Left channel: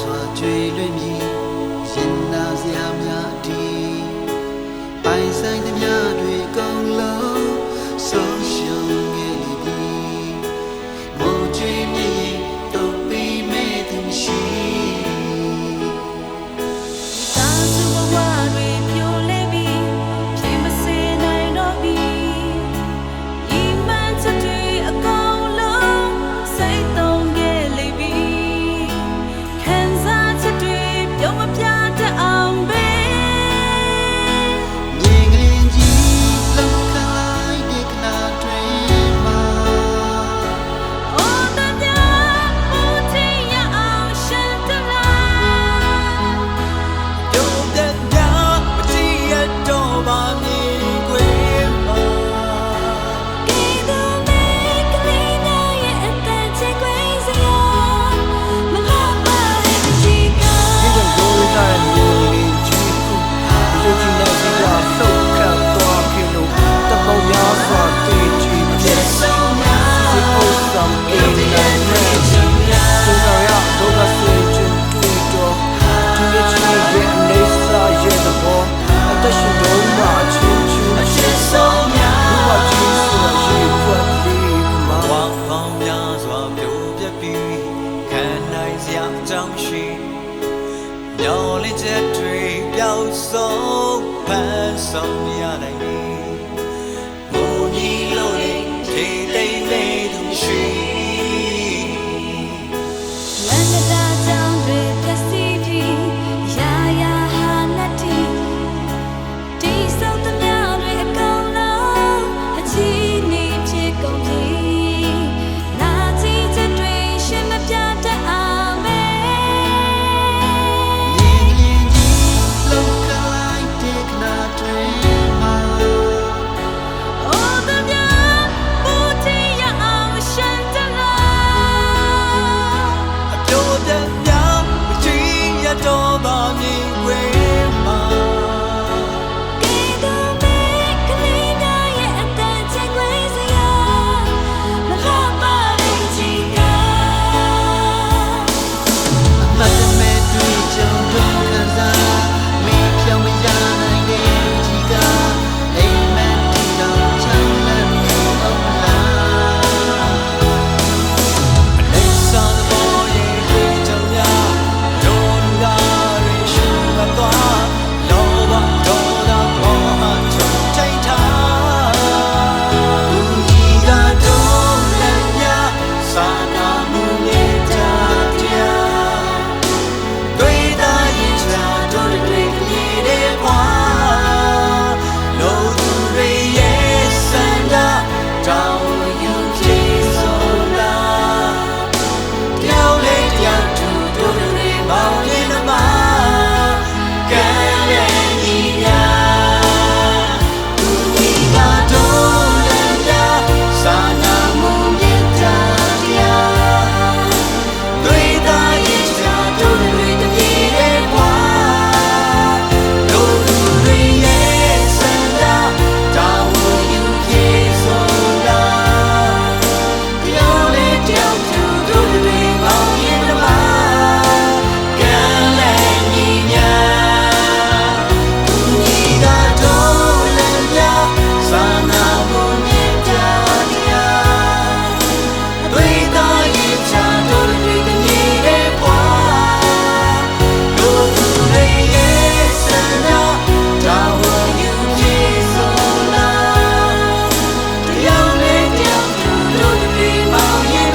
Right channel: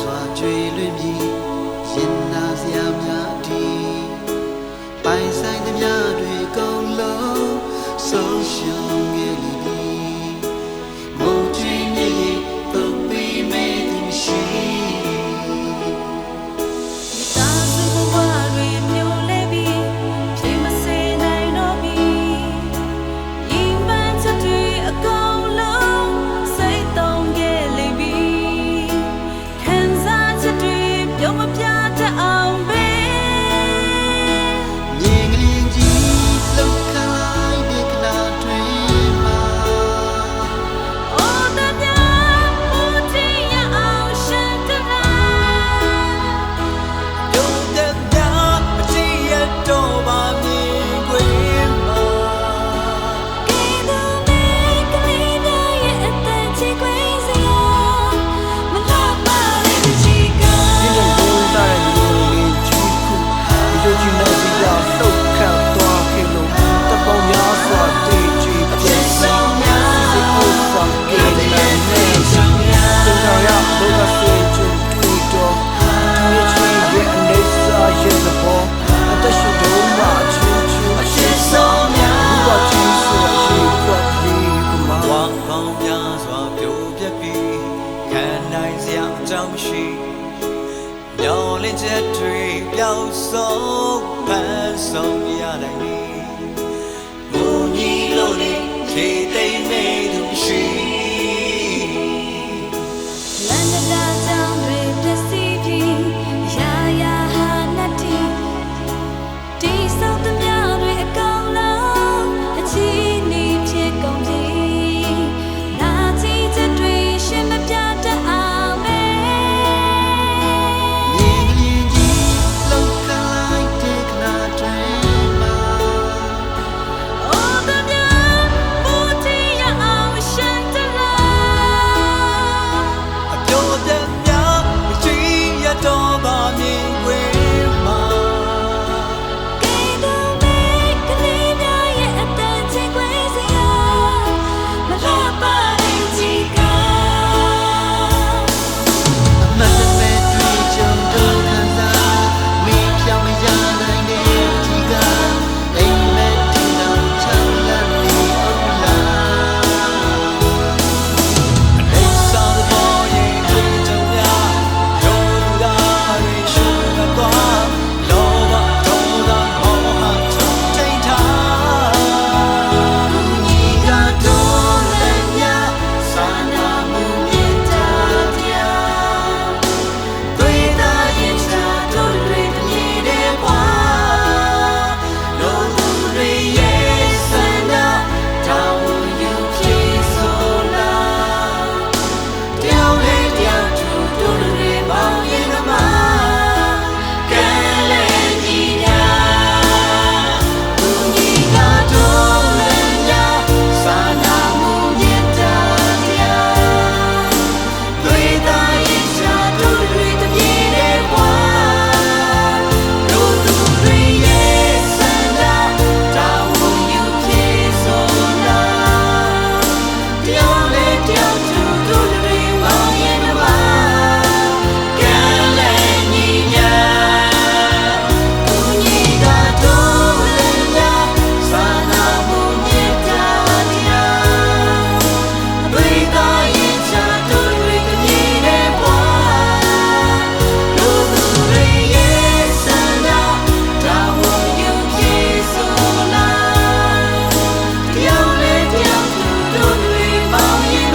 စွာကြွေလွင်မြည်ရင်နာစရာများဒီပိုင်ဆိုင်သမျှတွေအကုန်လုံးဆုံးရှုံးခဲ့လိမ့်ပြီမိုးကြွေးမြည်ရင်တုတ်ပြီးမဲ့သူမရှိမိသားစုဘဝတွေပြိုလဲပြီးဖြစ်မစေနိုင်တော့ပြီဤမှန်ချက်တွေအကုန်လုံးစိတ်သုံးခဲ့လိမ့်ပြီခံစားချက်တွေပြုံးမပြတတ်အောင်ပဲမြင်ကလေးကြီးလှုပ်ခါလိုက်တဲ့ခဏတွင်မှာတော့ပါမြင်ခွင့်မှာကဲတော့မဲကလေးများရဲ့အသက်ချေခွေးစရာမလာပါတဲ့ပချီကဒီလိုလိုလာတဲ့ညီလေးကြီးခုရုပ်ကြီးနဲ့စီကလှုပ်ခတ်သွားခဲ့လို့တပုံများစွာတည်ကြည်ပြည့်စုံစီအိုဆောင်ကင်းနိုင်မဲ့သင်္ခါရလောကဆွေးချင်းတွေ့တော့ဒီနေ့ချစ်ရဲ့အနေစာရဲ့သဘောအသက်ရှင်တော့မှအချင်းချင်းအရှိဆုံးများဘုရားကြီးဆိုရေပွက်လေးပမာဝမ်းပေါင်းများစွာပြိုပြက်ပြီးခံနိုင်စရာအကြောင်းမရှိမျောလင်းချက်တွေပျောက်ဆုံးဖန်ဆုံးမရနိုင်ပြီငိုညီလို့နေဖြေသိမ့်မဲ့သူမရှိလန္ဒတာကြောင့်တွေပျက်စီးပြီးရာရာဟာနတ်တီဒီစောက်သမျှတွေအကုန်လုံးအချီးနေဖြစ်ကုန်ပြီနာကြည့်ချက်တွေရှင်းမပြတတ်အောင်ပဲမြင်ကလေးကြီးလှုပ်ခါလိုက်တဲ့ခဏတွင်မှာအိုးသမျှဘူတီရအောင်ရှန်တလာအပြိုပြက်များမကြည့်ရတော့ပါမြင်ခွင့်မှာမတ်တမဲတွေ့ကြုံတော့ခံစားမေးဖြောင်းမရနိုင်တဲ့ပကြီးကအိမ်မက်တီတော့ချောင်းလန့်နေအောင်လားအနေစာသဘောရဲ့တွေ့ကြုံများဒို့လူသားတွေရှုမသွားလောဘဒေါသမောဟချုပ်ထိန်ထားလူကြီးကတော့လည်းများစာနာမှုမေတ္တာတရားတွေ့တာရင်ချာတို့တွေတမြည်တဲ့ဘွာလို့သူတွေရဲ့စန္ဒတောင်းယူဖြစ်ဆိုလားတယောက်လေးတယောက်သူတို့တွေမောင်းရင်မကဲလဲညီညာသူကြီးကတော့လည်းများစာနာမှုမေတ္တာတရားတွေ့တာရင်ချာတို့တွေတမြည်တဲ့ဘွာလို့သူတွေရဲ့စန္ဒတောင်းယူဖြစ်ဆိုလားတယောက်လေးတယောက်သူတို့တွေမောင်းရင်မကဲလဲညီညာသူကြီးကတော့လည်းများစာနာမှုမေတ္တာတရားတွေ့တာရင်ချာတို့တွေတမြည်တဲ့ဘွာလို့သူတွေရဲ့စန္ဒတောင်းယူဖြစ်ဆိုလားတယောက်လေးတယောက်သူတို့တွေမောင်းရင်